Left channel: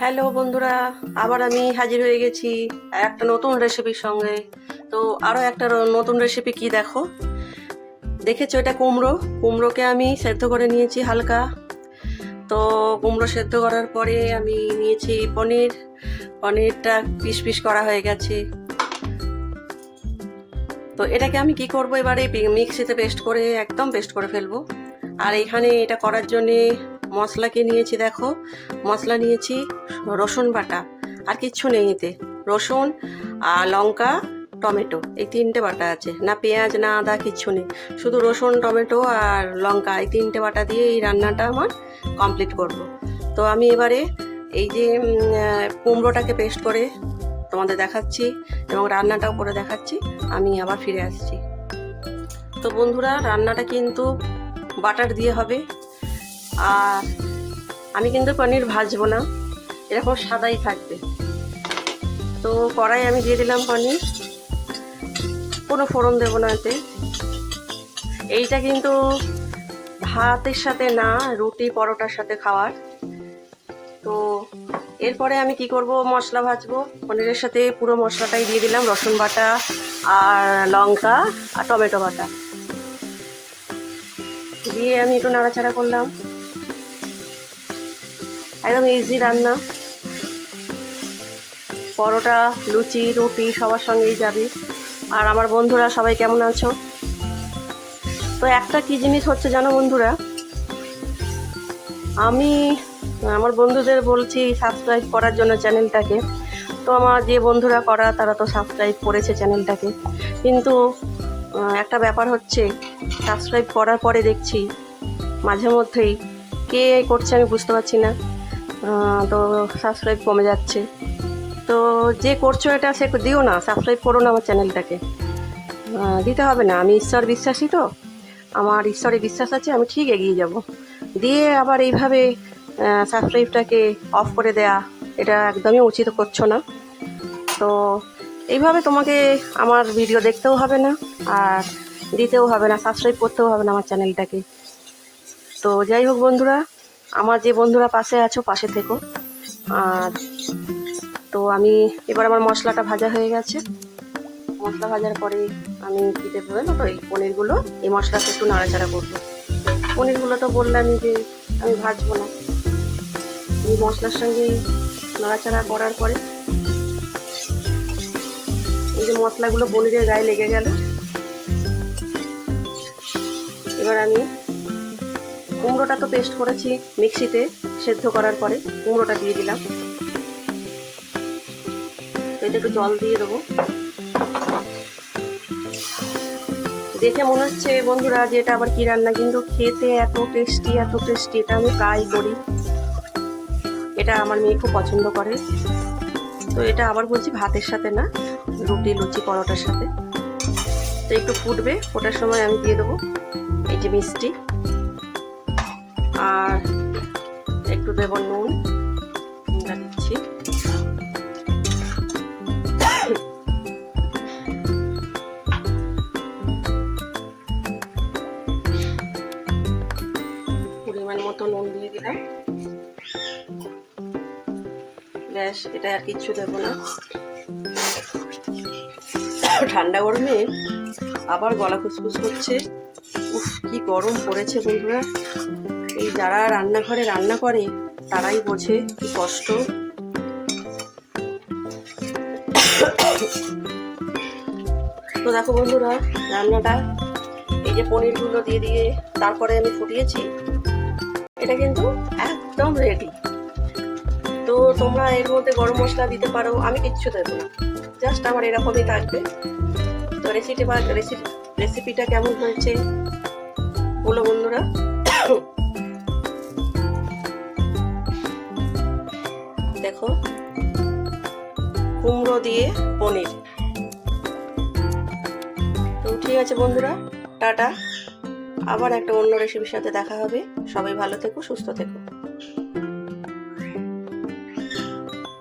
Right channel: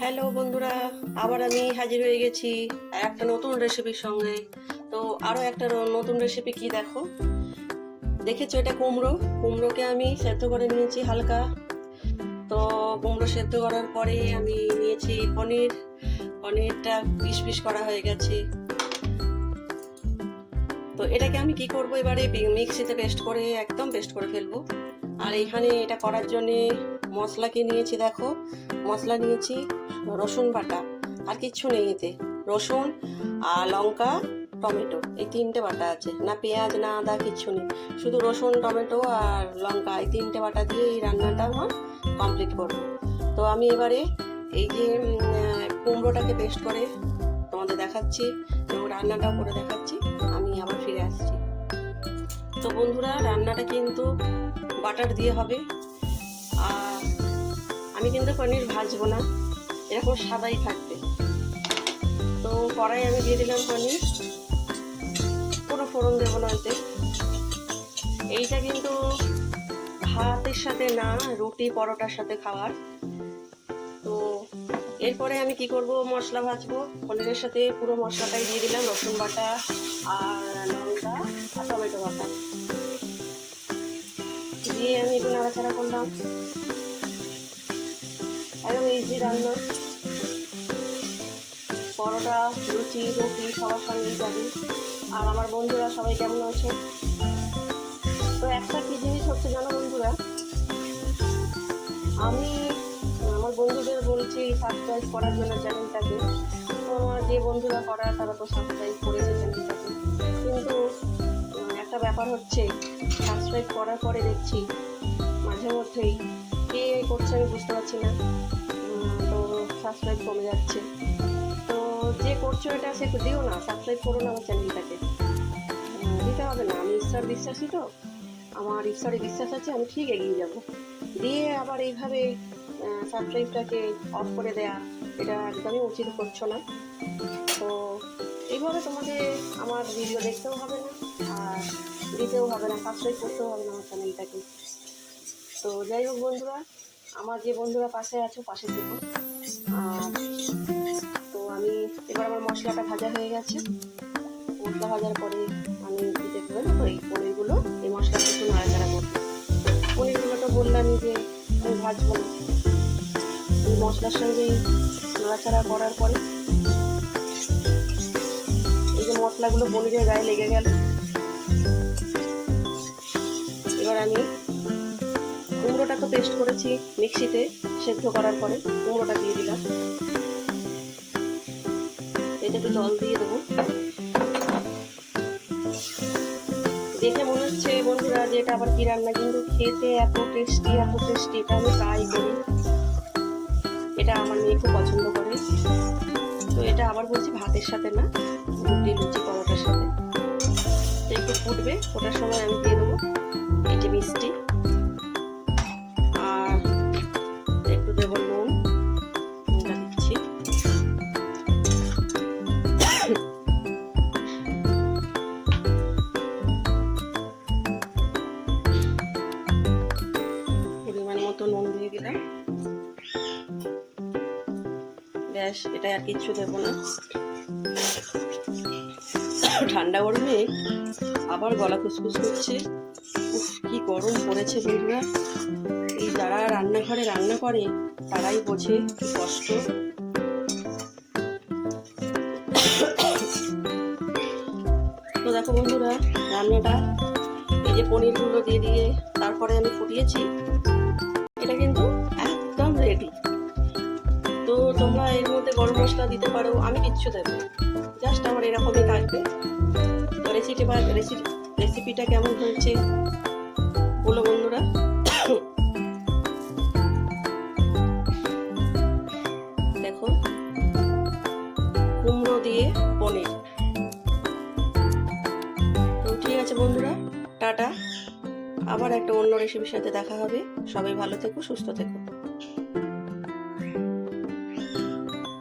Hello বন্ধুরা, আবার আমি হাজির হয়ে গেছি একটা নতুন রেসিপির সঙ্গে। তো আরও একটা নতুন রেসিপি কি দেখো, দেখেছো এটা কুমড়োকে আমি সেদ্ধ করে নিয়েছি হালকা। তো কুমড়ো সেদ্ধ করার পরে আমি নিয়েছি পনিরটা পিস পিস করা হয়ে গেছে। তো এটাকে আমি কি করব, এবারে মিক্সিতে একদম পেস্ট করে ফেলবো। আর এখানে এটা করার জন্যে মশলা কি নিয়েছি দেখো, মশলা নিয়েছি রসুন বাটা, আর কিচ্ছু নেই এতে। রসুন আর লঙ্কা টমেটো, এই তিনটে বাটা আছে, না পেঁয়াজ না আদা কিচ্ছু নেই, শুধু রসুন টমেটো আর লঙ্কা, এই তিনটে বাটা দিয়ে এই রান্নাটা আমার কমপ্লিট করব। তো আমি এবারে এই যে কুমড়োটাকে পেস্ট করে তোমাদের দেখাচ্ছি এবং রান্নাটাও করে দেখাচ্ছি, আমি আবার ফিরে আসছি। তো বন্ধুরা, রান্নাটা কিন্তু বাটার দিয়ে হবে, আর আমি কিন্তু পনির ভাজবো না, এরকম সাদাই থাকবে। তো কড়াই আমি দিয়ে দিলাম পনির, কোনো ফোড়ন দেবো না এতে। এইটা কিন্তু ভাতের সাথে না, রুটি পরোটার সাথে খাওয়ার। তো এরপরে আমি কি করব, মশলা ভাজবো। পনিরের সাথে পুরো মশলাটাই দিয়ে দিলাম, রসুন বাটা আর লঙ্কা আর টমেটো বাটা দিয়ে আমি একটু নাড়াচাড়া করলাম। একদম ইজি রান্না, পরোটা লুচি রুটি সবার সঙ্গেই যাবে। আর আমার বন্ধুরা সবাই কেমন আছো? তো একটা কি জিনিস হচ্ছে জানো বন্ধুরা, আমি আমার বন্ধুদের বলছি সাবস্ক্রাইব করার জন্য চ্যানেলটাকে। তো আমার যে বন্ধুরা করা তারা তো সাবস্ক্রাইব করেছে চ্যানেলটাকে, কিন্তু একটা ব্যাপার হচ্ছে, সাবস্ক্রাইব করার পরে দেখছি মাঝে মধ্যেই কে করছে আমি বুঝতে পারছি না, তো সাবস্ক্রাইব কমে যাচ্ছে। তো যে করছো এটা সে দিও না, সাবস্ক্রাইব করো না আমার চ্যানেলটাকে, দিতে হবে না। আমি ঈশ্বর বিশ্বাসী, তো আমার ঈশ্বরে বিশ্বাস আছে, আমি ঠিক এগিয়ে যাব। দিয়ে আবার এইভাবে সাবস্ক্রাইবটাকে অফ করে দেয়া, এটা একদমই উচিত করছো না। তো এইভাবে তোমাকে আমার ভিডিও দেখতেও হবে না, আর দিতেও হবে না, সাবস্ক্রাইব করতেও হবে না আমার চ্যানেলটাকে। তো যাই হোক বন্ধুরা, আমার যে বন্ধুরা পাশে আছো পাশে থেকো। আর তো আমি এবার আমার মশলাটা ভাজা হয়ে গেছে, মশলা ভাজার পরে আমি কী দেবো জানো তো, এই পনিরগুলো এই মশলাটা একটু নাড়াচাড়া করবো। পনিরগুলো তো বললামই যে আমি ভাজবো না, এই মশলার সঙ্গে নাড়াচাড়া করার পরে এই যে মশলাগুলো পনিরের গায়ে লেগে গেল, এবার আমি কুমড়োটা তো পেস্ট করেছি মিক্সিতে সেদ্ধ করার পরে, কুমড়োটা দিয়ে দিলাম। এতে একটু জল দিয়ে দেবো। দেখে মনে হচ্ছে বন্ধুরা যে এটা আবার কি রান্না, কিন্তু খেতে এত টেস্টি এটা আমি ট্রাই করি, এটা আমার মেয়ে খুব পছন্দ করে। তো এটা আবার বলছি ভাতের সাথে না, রুটি লুচি পরোটার সাথে। তো একটু ফুটবে, ফোটার সময় আমি দিয়ে দেবো এই যে মিষ্টি, আর একটু দেবো নুন, দিচ্ছি। পরিমাণ মতো নুন দিয়ে দিলাম, ব্যাস, এটা আর কিচ্ছু দেবো না। ঠান্ডা গরমে আবার গলা খুসখুস করছে, উফ কি গরম পড়েছে বন্ধুরা। এই যারা রান্নাঘরে রান্না করে তারাই বোঝে কি কষ্ট। তো দেখো বন্ধুরা, রান্নাটা এই যে পনিরগুলো দিয়ে তারপরে আমি ফুটিয়েছি, এটা কিন্তু একদম রেডি। তো তোমরা এর মধ্যে গরম মশলা দিতে পারো, আমি কিচ্ছু দেবো না, জাস্ট আমার এরকমই থাকবে। তো রেসিপিটা কেমন হয়েছে বলো বন্ধুরা। দেখো, কুমড়ো দিয়ে পনির। তো ঠিক আছে বন্ধুরা, টাটা, আবার একটা অন্য রেসিপির সাথে দেখা হবে। সবাই ভালো থেকো, সুস্থ থেকো।